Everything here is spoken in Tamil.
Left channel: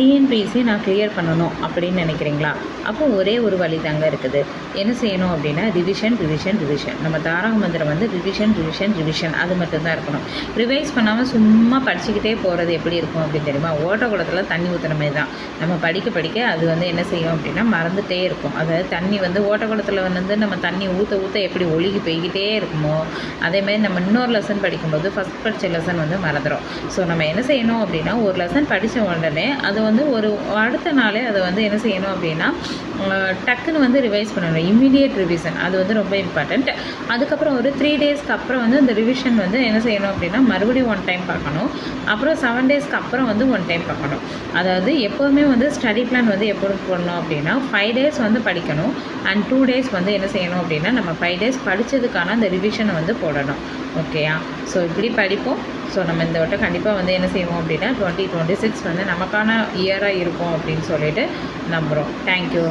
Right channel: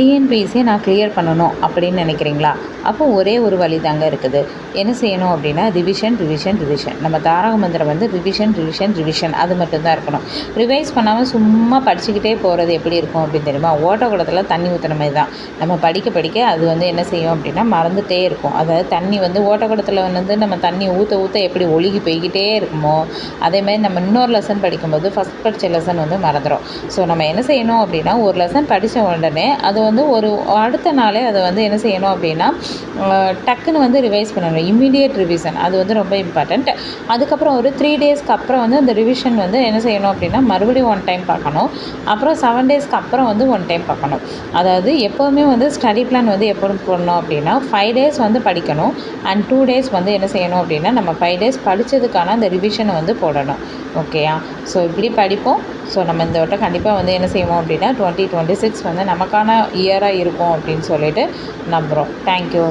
டிஎன்பிஎஸ்சியை நான் கிளியர் பண்ணணும் அப்படின்னு நினைக்கிறீங்களா? அப்போ ஒரே ஒரு வழி தாங்க இருக்குது. என்ன செய்யணும் அப்படின்னா ரிவிஷன் ரிவிஷன் ரிவிஷன். நம்ம தாரக மந்திரம் வந்து ரிவிஷன் ரிவிஷன் ரிவிஷன் அது மட்டும்தான் இருக்கணும். ரிவைஸ் பண்ணாமல் சும்மா படிச்சுக்கிட்டே போகிறது எப்படி இருக்கும் அப்படின்னு தெரியுமா? ஓட்டக்குளத்தில் தண்ணி ஊற்றுன மாதிரி தான். நம்ம படிக்க படிக்க அது வந்து என்ன செய்யும் அப்படின்னா மறந்துகிட்டே இருக்கும். அதாவது தண்ணி வந்து ஓட்டக்குளத்தில் வந்து நம்ம தண்ணி ஊற்ற ஊற்ற எப்படி ஒழுகி போய்கிட்டே இருக்குமோ அதேமாதிரி நம்ம இன்னொரு லெசன் படிக்கும்போது ஃபஸ்ட் படித்த லெசன் வந்து மறந்துடும். ஸோ நம்ம என்ன செய்யணும் அப்படின்னா ஒரு லெசன் படித்த உடனே அது வந்து ஒரு அடுத்த நாளே அதை வந்து என்ன செய்யணும் அப்படின்னா டக்குன்னு வந்து ரிவைஸ் பண்ணணும். இம்மிடியேட் ரிவிஷன் அது வந்து ரொம்ப இம்பார்ட்டண்ட். அதுக்கப்புறம் ஒரு 3 டேஸ்க்கு அப்புறம் வந்து அந்த ரிவிஷன் வந்து என்ன செய்யணும் அப்படின்னா மறுபடியும் 1 டைம் பார்க்கணும். அப்புறம் 7 டேஸ்க்கு அப்புறம் வந்து 1 டைம் பார்க்கணும். அதாவது எப்போவுமே வந்து ஸ்டடி பிளான் வந்து எப்போ போடணும் அப்படின்னா 5 டேஸ் வந்து படிக்கணும் அண்ட் 2 டேஸ் வந்து என்ன செய்யணும் அப்படின்னா நம்ம 5 டேஸ் படித்ததுக்கான அந்த ரிவிஷனை வந்து போடணும். ஓகேயா? ஸோ இப்படி படிப்போம். ஸோ நம்ம இந்த வட்டம் கண்டிப்பாக வந்து என்ன செய்வோம் அப்படின்னா 2026 வந்து நமக்கான இயராக இருக்கும் அப்படின்னு சொல்லிட்டு நம்புகிறோம். தேங்க்யூ.